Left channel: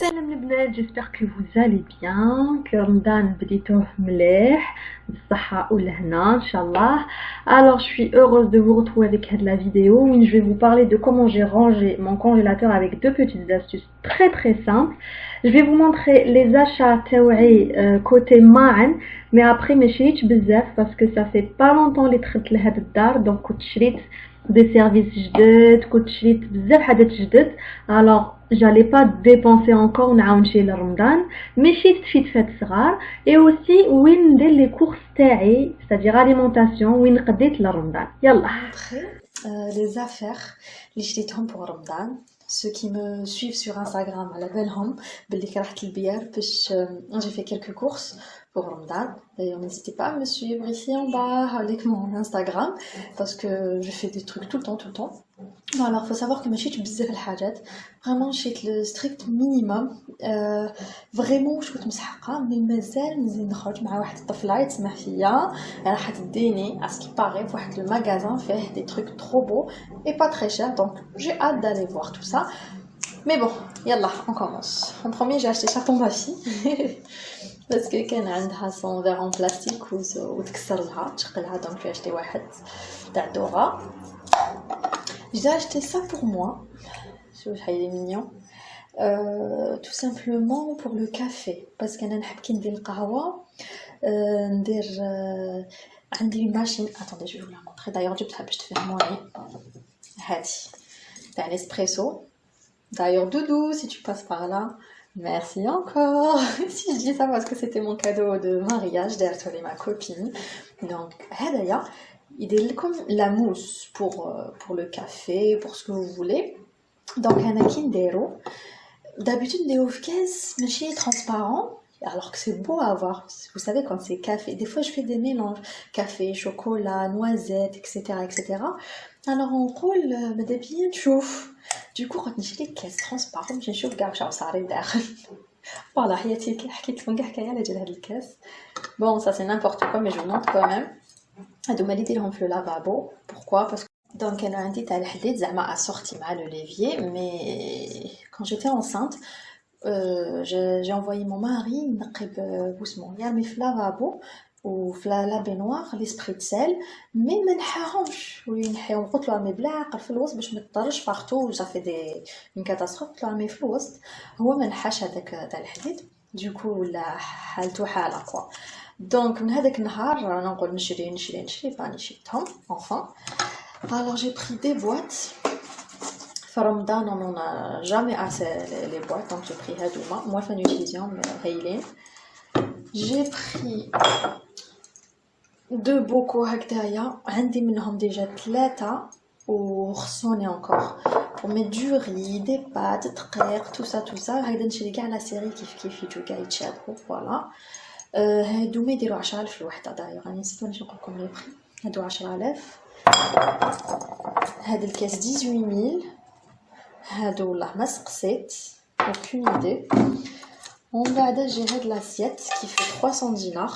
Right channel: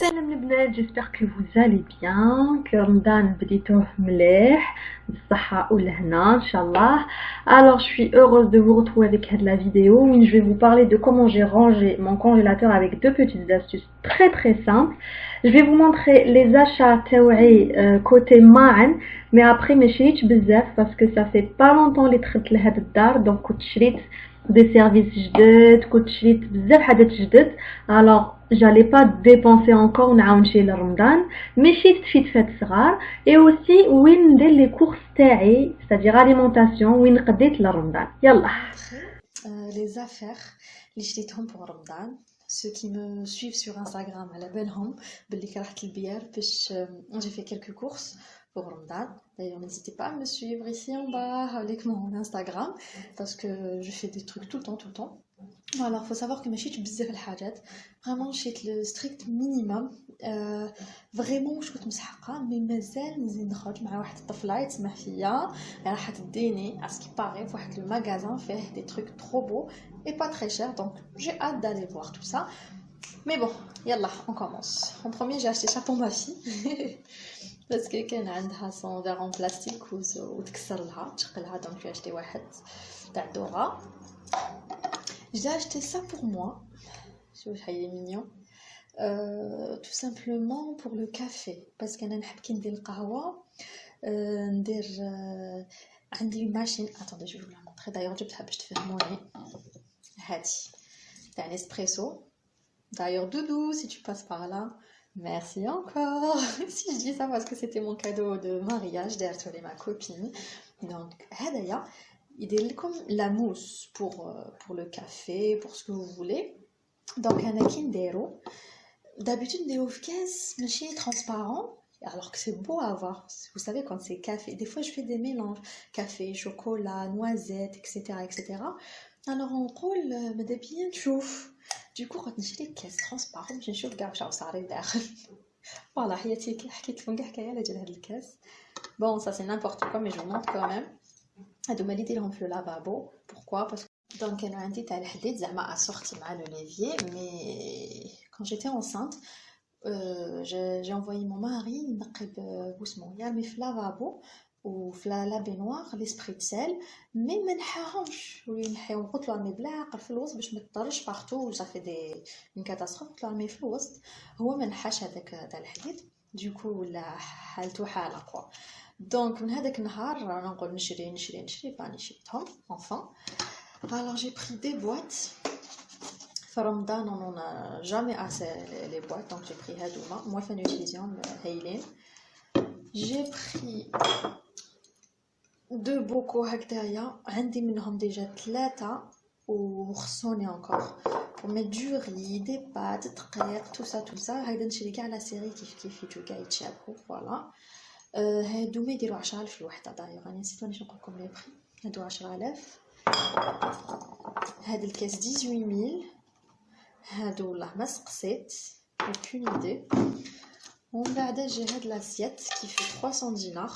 Salam les bleds, j'espère que vous allez bien, que Ramadan بديتوه مليح, بالصحة والهنا, Inch'Allah. Alors, je suis heureuse de vous retrouver avec la vidéo où je vais vous parler de comment j'ai rangé mon congélateur avec deux petites astuces très très simples. Je vais vous montrer les achats تاوعي côté معن, mais après ما شريتش بزاف parce que ça fait pas longtemps اللي دخلت لهاد الدار, donc كنت شريت des services جدد, كنت شريت بزاف حاجات جدد. Alors, j'allais pas dépenser encore نعاون شي لرمضان, mais شريت فات صغار et aussi وين ندير les courses تاعي, c'est-à-dire alimentation, وين قديت لرمضان. يلا. Les affaires اللي شريتهم pour Ramadan. Ceux qui me suivent sur Instagram على بالهم باللي كرهت البيار باش j'ai fait quelques courses pour Ramadan. D'ailleurs, n'hésitez pas à me suivre ici en bas avec mon Instagram parce que je fais des trucs tout le temps, tout le temps. Bon, alors, faut savoir que ما شريتش بزاف الحاجات. Vraiment, شريت le strict minimum. Vraiment, واش كنت مسحقة مي مازال نزيد نخرج مع واحد الطفلة يتسمح فيا راح تديني à ce qui paraît في واحد le magasin فيه des trucs trop beaux et pas très chers, donc j'ai hâte d'aller voir tout ça. Mais bon, yallah, on commence. En premier, j'ai acheté ça pour ma fille. Parce que كان عندها son verre en plastique وتكسر لها تشقلها, donc j'ai acheté واحد تاع دورا. J'ai acheté ça pour moi. Je trouve qu'il est mignon. Tout simplement pour le café. Parce que أنا نحب كي ندير القهوة ندير عندي une machine. Attendez, je vais vous la montrer. D'ailleurs, جبتها باش تفهموني. هادي تاع l'espresso. D'ailleurs, Doudou, si tu passes par là, merci encore. Si je dis ça parce que c'était mon cadeau de mariage derrière ma copine. Donc, هذايا يدير لكم la mousse pour le café, pour ce que vous voulez. Donc, أنا كي نديرو d'habitude نديرو في كاس ماشي transparent, alors que c'est beau à voir. Vous savez, quand c'est café, des fois je fais des mélanges café, chocolat, noisettes, etc., etc. Alors on roule ماذا بيا نشوف. Du coup quand نشري كاس transparent باش نشوف كاع واش صاري داخل. Voilà, حياتي كي حكيت لكم كاع حكايه على جال هاد الكاس. Bon, ça c'est n'importe quoi, mais je vous montre quand même. هادو ما اللي ديرهم في اللافابو. Pourquoi? Parce que donc انا عندي تاع الحديد زعما assorti مع le levier, mais quand j'étais enceinte j'ai envoyé mon mari نقب بوسمون يرمي في لافابو وفي لا بينوار لي سبريتسيل, مي ما نحاهمش وينحيهم. قلت له رمي بالعقل في الوسط باش ما تطرش بارتو, جا في دي اون كاتاستروف. قلت له رمي في الوسط, هو ما نحاش هذاك تاع الحديد. دوكو ولا حالته حاله كوا. دونك من هذاك النهار انا نقول نشري فاني شريتهم enfin. Alors j'ai pris des boîtes. في رمضان on n'en a jamais assez les boîtes, donc j'ai pris هادوما. Moi fin d'utilisation هايلين. J'ai pris deux bocaux هكذايا, عندي منهم déjà 3 وخصوني encore pour mettre du riz, des pâtes, دقيق, tout ça. هايدا نشري كاع لا سيري كيف يجوا كاع يتشابهوا. فوالا هادوما يديروا 10,000 الوحده. دايوغ راني نسيت واش نقول لكم لي بري. هادو 10,000. هاد الكاس 18,000. هادو والله ما سقسيت, aucune idée. ومن بعد جي هاد لاسيت كي في 300 دينار.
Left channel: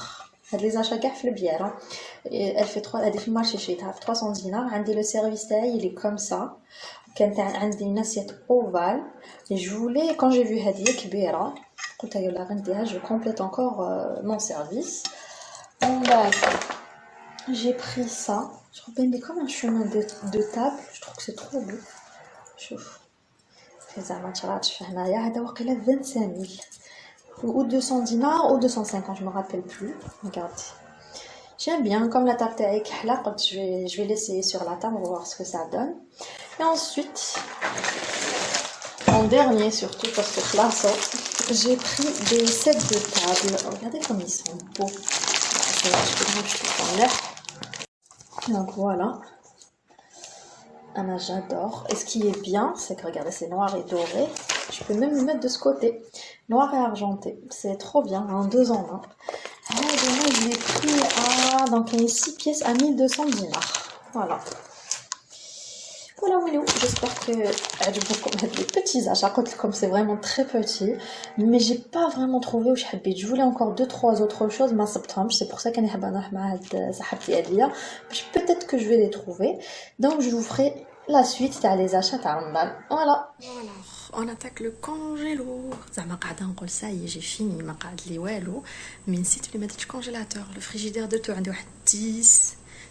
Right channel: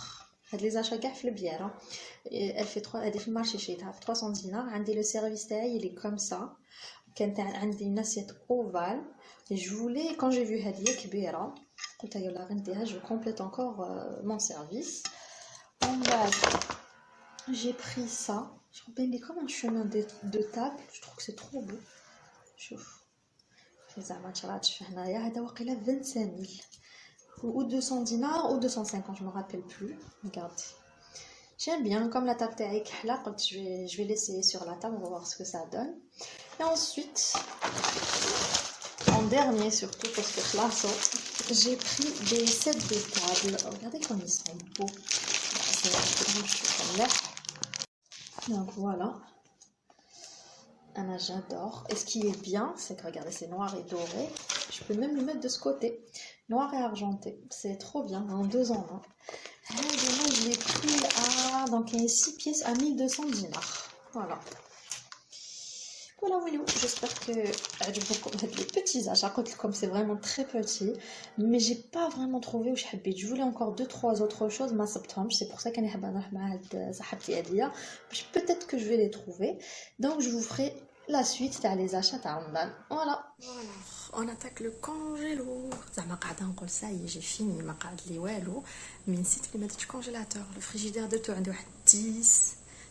هاد لي زاشا كاع في البياره. elle fait 3, هادي في المارشي شريتها في 300 دينار. عندي لو سيرفيس تاعي اللي كوم سا, كانت عندي ناسيت اوفال. et je voulais quand j'ai vu هادي كبيره قلت يلا غنديها, je complète encore mon service. ومن بعد j'ai pris ça. je trouve comme un chemin de table. je trouve que c'est trop beau. شوف زعما تشراتش هنايا. هذا واقيلا 25,000 ou 200 dinars ou 250, je me rappelle plus. Regardez, j'aime bien. Comme la table تاعي كحله قلت je vais l'essayer sur la table, on va voir ce que ça donne. Et ensuite en dernier surtout parce que classe, j'ai pris des sets de table. Regardez comme ils sont beaux. Donc voilà, Anna, j'adore. Et ce qui est bien, c'est que regardez, c'est noir et doré. Je peux même le mettre de ce côté, noir et argenté. C'est trop bien, hein, 2 en 1. Moi, je l'ai pris à, donc il y a 6 pièces à 1 200 dinars. Voilà. Voilà, Willow. J'espère que beaucoup les petits achats, comme c'est vraiment très petit, mais j'ai pas vraiment trouvé où je habite. Je voulais encore 2-3 autres choses, mais c'est pour ça que peut-être que je vais les trouver. Donc je vous ferai la suite تاع les achats تاع رمضان. Voilà. On attaque le congélo. زعما قاعده نقول ça y est j'ai fini ما قعد لي والو مي نسيت بلي ما درتش كونجيلاتور. Le frigidaire de tout عندي واحد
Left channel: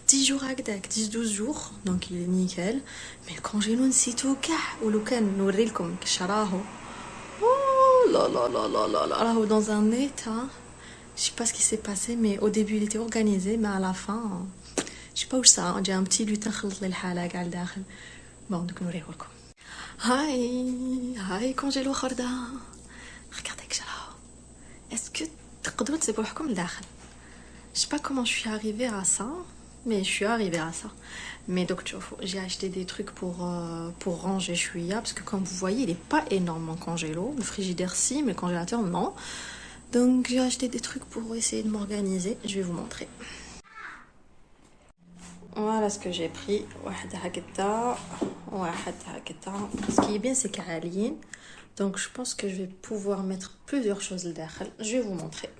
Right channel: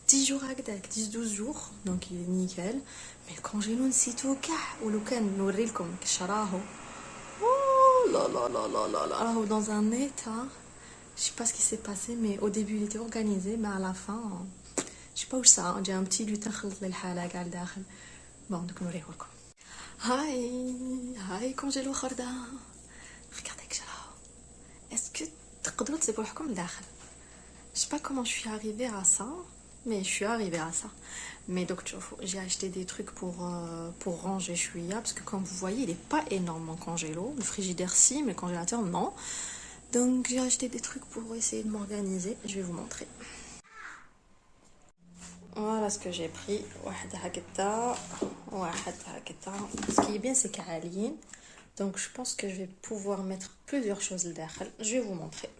10 jours هكذاك 10-12 jours donc il est nickel. mais الكونجيلو نسيتو كاع ولو كان نوري لكم كيش راهو. Oh là là là là là là راهو dans un état. Je sais pas ce qui s'est passé mais au début il était organisé mais à la fin je sais pas où ça j'ai un petit lutin خلط لي الحاله كاع لداخل. bon دوك نوريه لكم. هاي كونجيلو خردة. regardez que j'ai là. est-ce que تقدروا تسيبوا روحكم لداخل. je sais pas comment je suis arrivée à ça mais je suis arrivée à ça. mais donc j'ai acheté des trucs pour ranger chouïa parce que comme vous voyez il est pas énorme mon congélo. Le frigidaire si mais le congélateur non. donc j'ai acheté des trucs pour essayer de m'organiser. Je vais vous montrer. Voilà ce que j'ai pris. Ce qui est bien c'est qu'Aline. Donc je pense que je vais pouvoir mettre plusieurs choses dedans. Je vais vous montrer.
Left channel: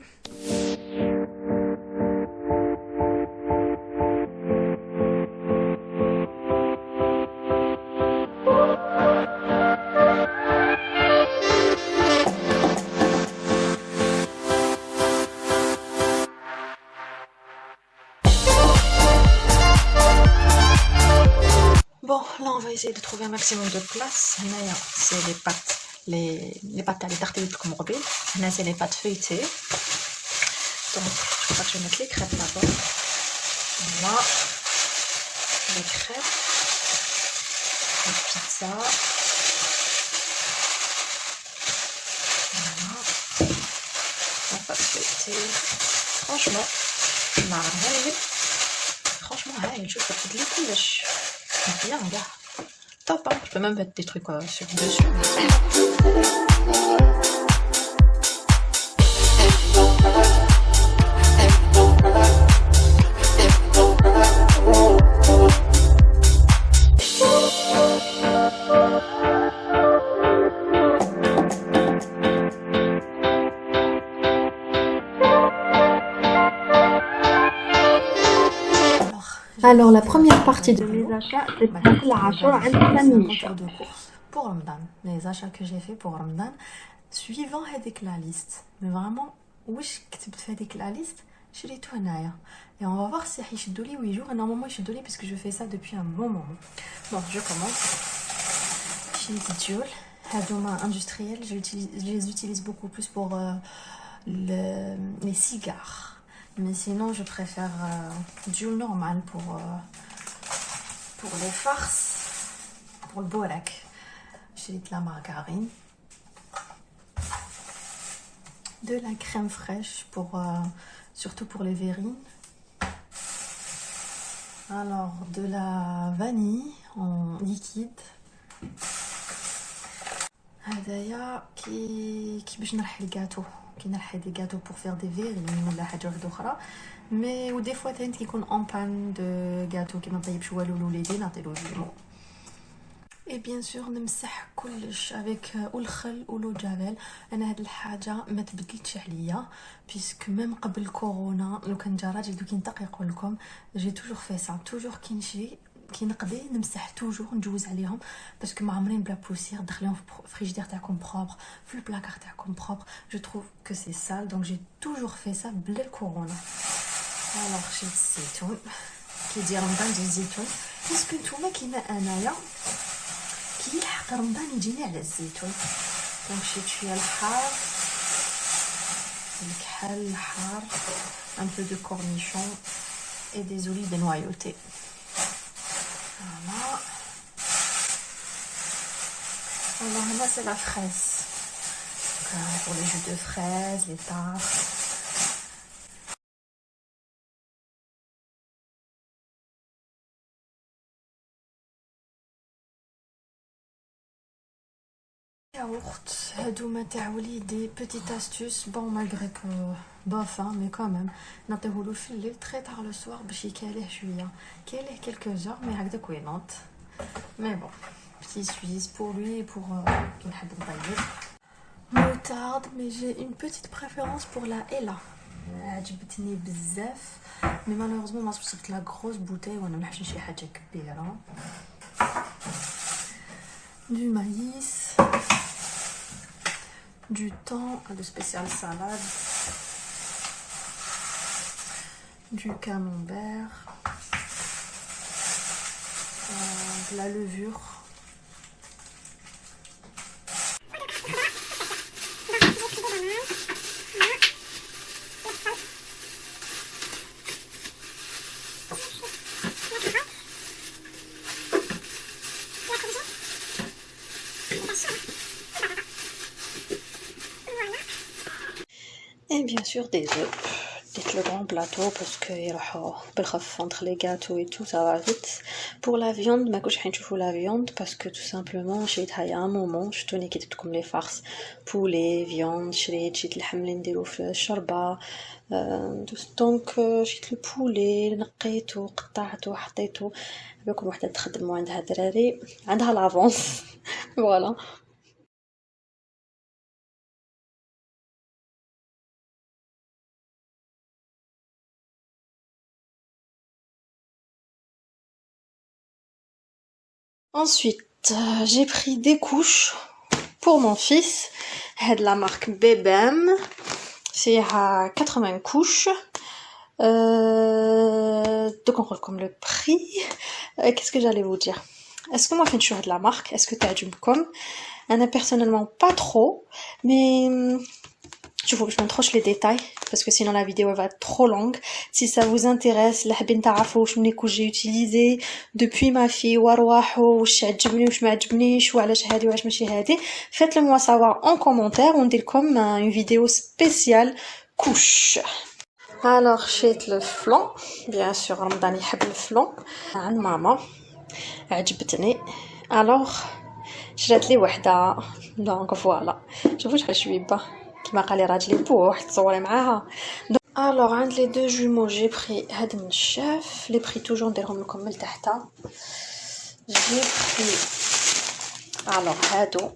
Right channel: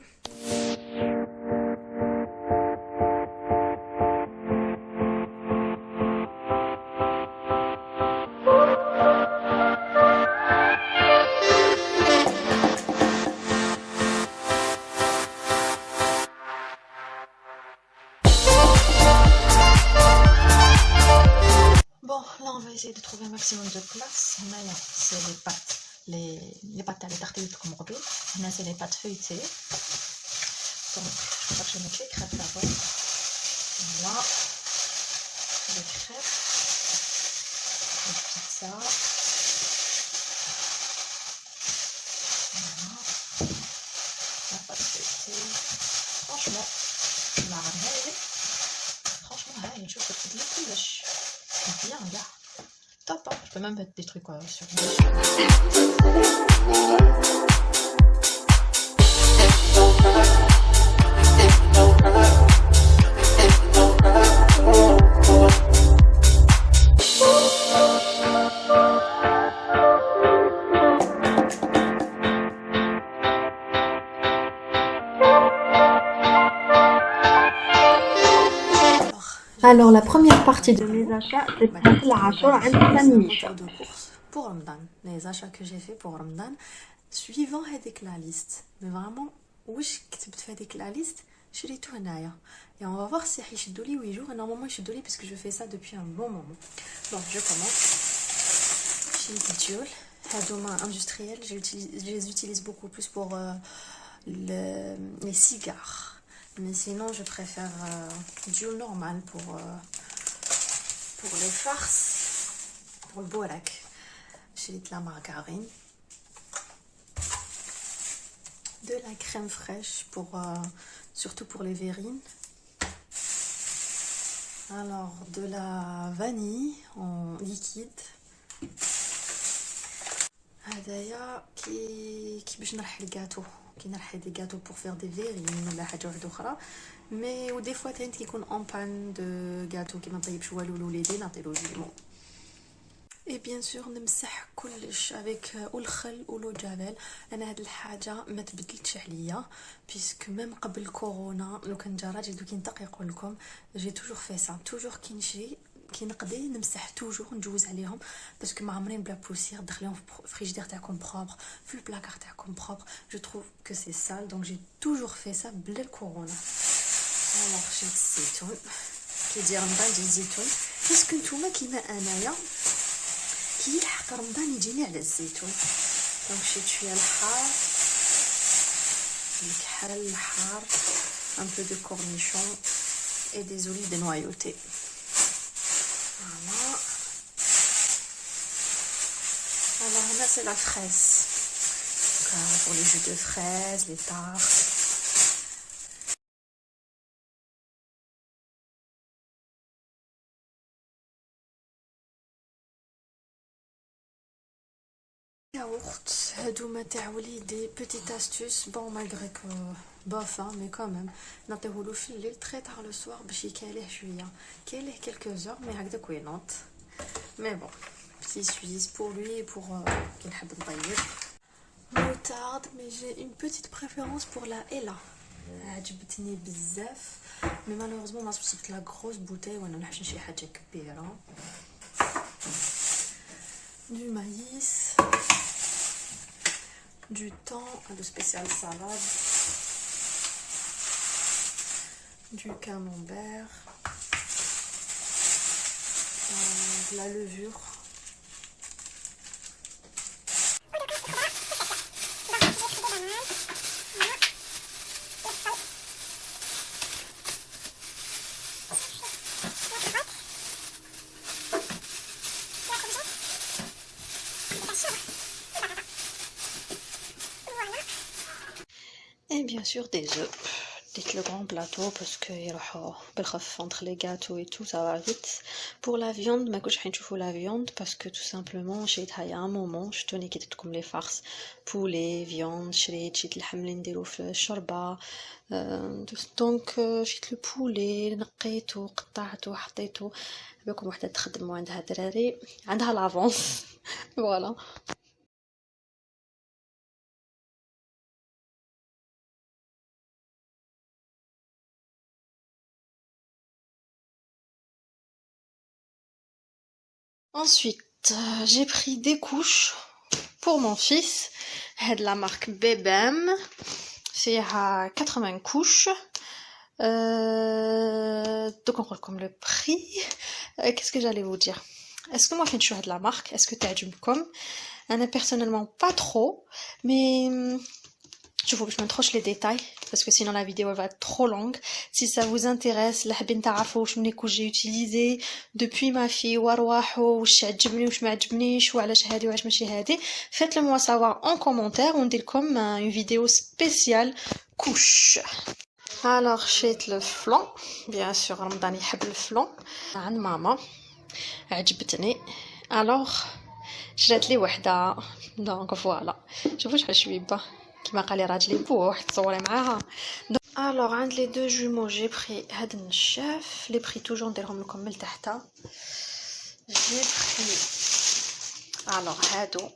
Bon, là on va essayer de trouver un maximum de place. Là, c'est les pâtes, les pâtes à les tartines comme rebelle. Là, c'est les pâtes feuilletées. Donc, je crois que je vais mettre les crêpes d'abord. Voilà, les crêpes, les pizzas. Voilà, la pâte feuilletée. Franchement, je peux te les couler. Bien, gars. Top, hein. Je peux même mettre des trucs sur le dessus. Alors la première partie de mes achats, c'est pour Ramadan. Les achats que j'ai fait pour Ramadan, suivant la liste. Mais vraiment, où je fais la liste, je l'ai tout hanaïa. Et on va voir si je suis dolly ou jours. Et normalement, je suis dolly parce que je fais ça depuis un bon moment. Bon, je commence. J'ai des dioles. Hadouma industriels, je les utilise beaucoup plus pour les cigares. Mais sinon, je préfère du normal pour les farces, pour le borak. J'ai de la margarine, de la crème fraîche, surtout pour les verrines. Alors, de la vanille en liquide. هذايا كي باش نرحي الجاتو كي نرحي دي جاتو pour faire des verrines ولا حاجه واحده اخرى مي ودي فوا تاني كيكون اون بان دو جاتو كي ما طيبش والو لوليدي نعطيلو جيمو اي بيان سور نمسح كلش افيك الخل ولو جافيل. انا هاد الحاجه ما تبدلتش عليا بيسك ميم قبل كورونا لو كان جا راجل دوك ينطق يقول لكم جي توجور في سا توجور كي نمشي كي نقضي نمسح توجور ندوز عليهم باسكو ما عمرين بلا بوسير دخليهم في الفريجيدير تاعكم بروبر في البلاكار تاعكم بروبر. جو تروف كو سي سال دونك جي توجور في سا بلا الكورونا. الوغ شريت الزيتون كي يجي رمضان ديال الزيتون باسكو نتوما كيما انايا كي يلحق رمضان يجيني على الزيتون. دونك شريت شويه الحار الكحل الحار un peu de cornichon et des olives noyautées. Voilà. Alors là c'est la fraise. Pour les jus de fraises, les tartes. Yaourt, هادوما تاع وليدي petite astuce bon malgré que bof hein, mais quand même نعطيهولو في الليل très tard le soir باش يكاليه شويه كاليه quelques heures mais هكذا كوينط mais bon petit Suisse pour lui et pour كي نحب نطيب moutarde mais j'ai une petite préférence pour la Ella عجبتني بزاف mais malheureusement ما صبت la grosse bouteille وانا ما نحبش شي حاجه كبيره. du maïs, du thon, de spécial salade, du camembert, de la levure. Et bien sûr des œufs. Dites le grand plateau parce que entre les gâteaux et tout ça va vite. Pour la viande, ma couche pour la viande parce que tout simplement j'ai il y a un moment je tenais qui comme les farces poulet viande شريت شيت اللحم اللي نديرو في الشوربه دونك شيت البولي نقيته قطعته حطيته باكم وحده تخدم وعندها دراري عندها لافونس فوالا. Ensuite, j'ai pris des couches pour mon fils. C'est de la marque Bebem. C'est à 80 couches. Donc on regarde comme le prix. Qu'est-ce que j'allais vous dire? Est-ce que moi, je suis de la marque? Est-ce que tu as du comme? Personnellement, pas trop. Mais je vous montre les détails parce que sinon la vidéo va être trop longue. Si ça vous intéresse, j'ai utilisé depuis ma fille, faites-le moi savoir en commentaire. On dit comme une vidéo spéciale couche. Alors j'ai le flan, bien sûr Ramadan يحب le flan. عند ماما عجبتني. Alors شريت لي وحده donc voilà. شوفوا شحال شويبه كيما قال لي راجلي بوح تصوري معاها. Alors عند les deux jumeaux j'ai pris هاد النشاف les prix toujours نديرهم لكم من تحت. J'ai pris alors هادو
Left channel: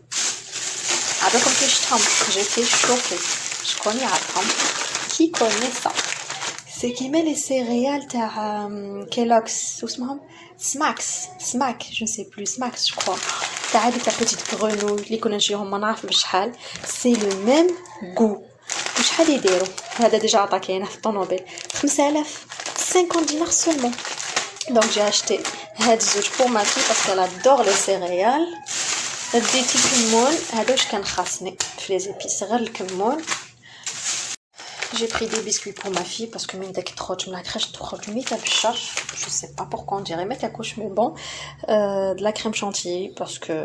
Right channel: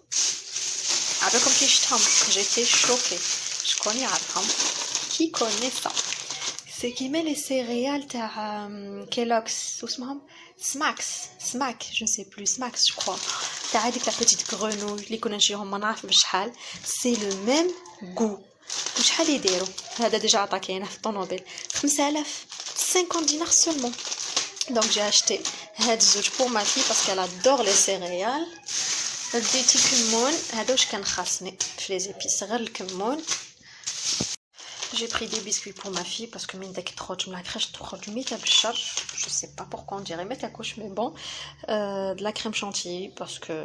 عباكم كي شفتهم j'étais choquée. شكون يعرفهم qui connaît ça? C'est qui met les céréales تاع Kellogg's واسمهم Smacks, je ne sais plus, Smacks je crois. تاع هذيك تاع petite grenouille اللي كنا نجيهم ما نعرف بشحال. C'est le même goût. وشحال يديروا؟ هذا ديجا عطا كاينه في الطونوبيل 5000 50 dinars seulement. Donc j'ai acheté هاد الزوج pour ma fille parce qu'elle adore les céréales. ديتي كمون هذا واش كان خاصني في لي زيبيس غير الكمون. J'ai pris des biscuits pour ma fille parce que la crèche je sais pas pourquoi on dirait mais bon, de la crème chantilly parce que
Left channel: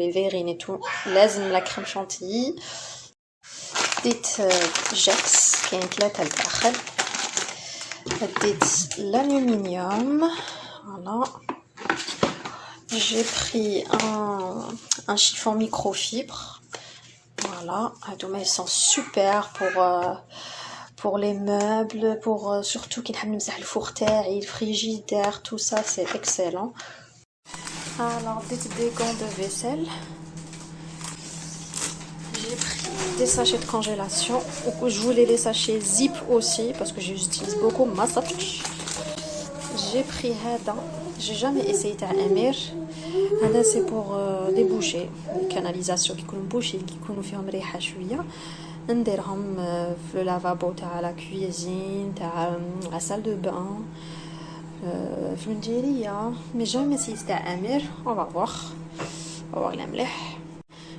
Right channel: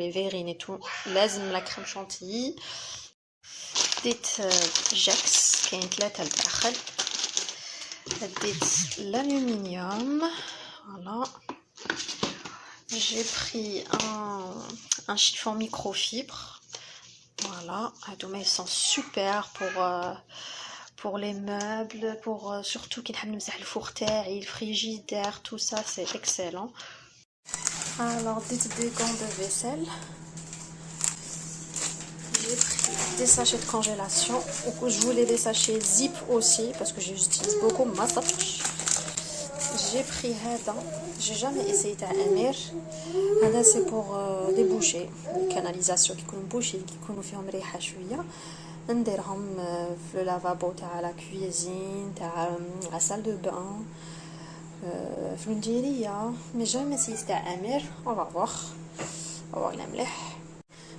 les verrines et tout لازم la crème chantilly. Dites Jex qui est ثلاثة الداخل. Dites l'aluminium. Voilà. J'ai pris un chiffon microfibre. Voilà, ils sont super pour les meubles, pour surtout qui n'aiment pas le four thermique, le frigidaire, tout ça c'est excellent. Alors des gants de vaisselle. J'ai pris des sachets de congélation. Je voulais les sachets zip aussi parce que j'utilise beaucoup ma sach. J'ai pris Hada. J'ai jamais essayé à Amir. هذا c'est pour déboucher les canalisations qui يكونوا bouchées qui يكونوا فيهم ريحه شويه نديرهم في لافابو تاع لا كويزين تاع لا salle de bain في المديريه mais jamais essayé تاع امير. On va voir la مليح.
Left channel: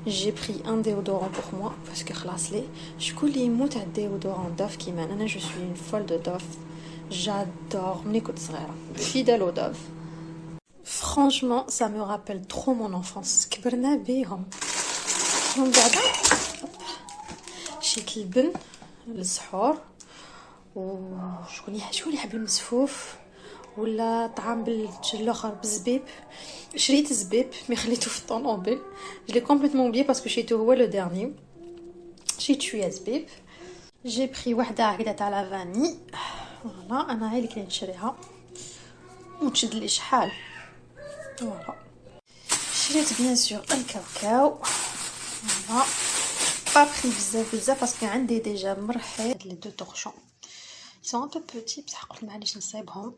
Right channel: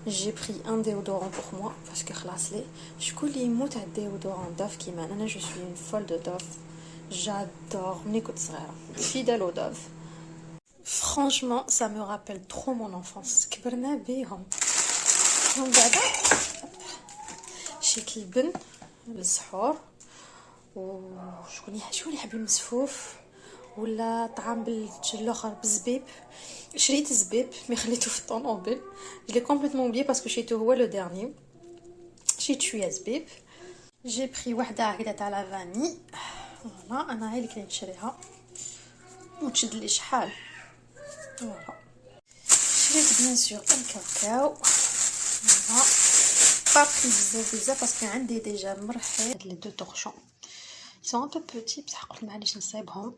J'ai pris un déodorant pour moi parce que خلاص لي شكون اللي يموت على الديودوران Dove كيما انا je suis une folle de Dove. J'adore ملي كنت صغيره fidèle au Dove. Franchement, ça me rappelle trop mon enfance. كبرنا بيهم. من بعد شيت البن للسحور وشكون يحب المسفوف ولا طعام بالجل الاخر بالزبيب. شريت زبيب مي خليته في الطونوبيل. Je l'ai complètement oublié parce que شريته هو le dernier. شريت شويه زبيب. J'ai pris وحده هكذا تاع لا فاني. فوالا انا هاي اللي كنت نشريها وتشد لي شحال. Voilà. شريت bien sûr الكاوكاو. Voilà. Pas pris بزاف parce que عندي déjà مرحي les deux torchons. Ils sont un peu petits بصح قلت معليش نصايبهم.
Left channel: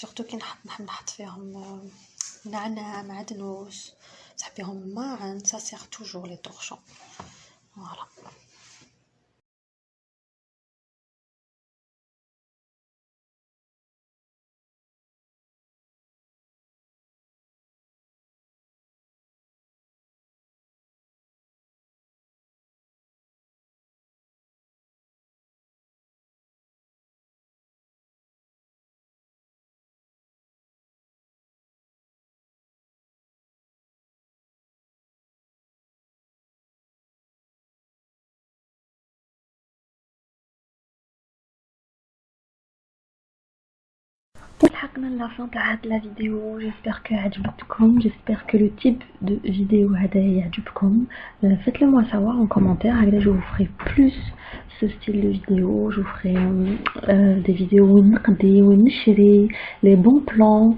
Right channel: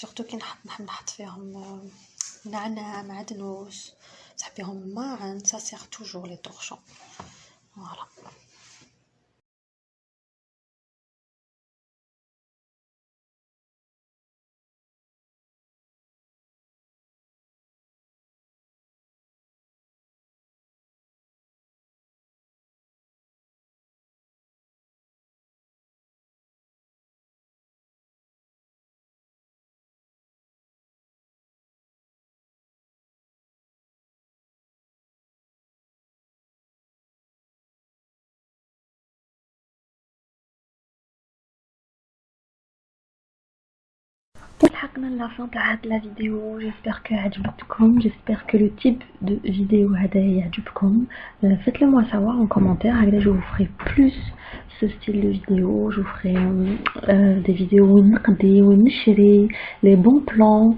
Surtout كي نحب نحط فيهم نعناع معدنوس تحبيهم معا ça sert toujours les torchons voilà. لحقنا لا فان تاع هاد لا فيديو. جيسبر كو عجبتكم، جيسبر كو لو تيب دو فيديو هذا يعجبكم. faites-le moi savoir en commentaire. Allez, je vous ferai plus ce style de vidéo. Je vous ferai des vidéos où نقضي ونشري les bons plans.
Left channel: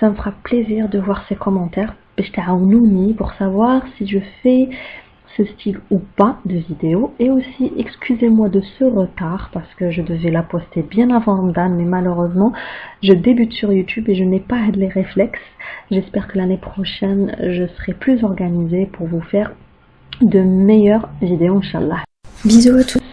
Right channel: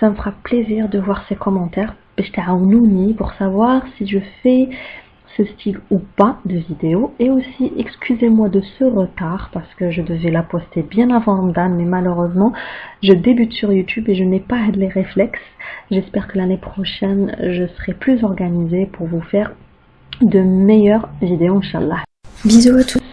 Ça me fera plaisir de voir ces commentaires باش تعاونوني pour savoir si je fais ce style ou pas de vidéo. Et aussi excusez-moi de ce retard parce que je devais la poster bien avant Ramadan, mais malheureusement je débute sur YouTube et je n'ai pas les réflexes. J'espère que l'année prochaine je serai plus organisée pour vous faire de meilleures vidéos, Inch'Allah. Bisous à tous.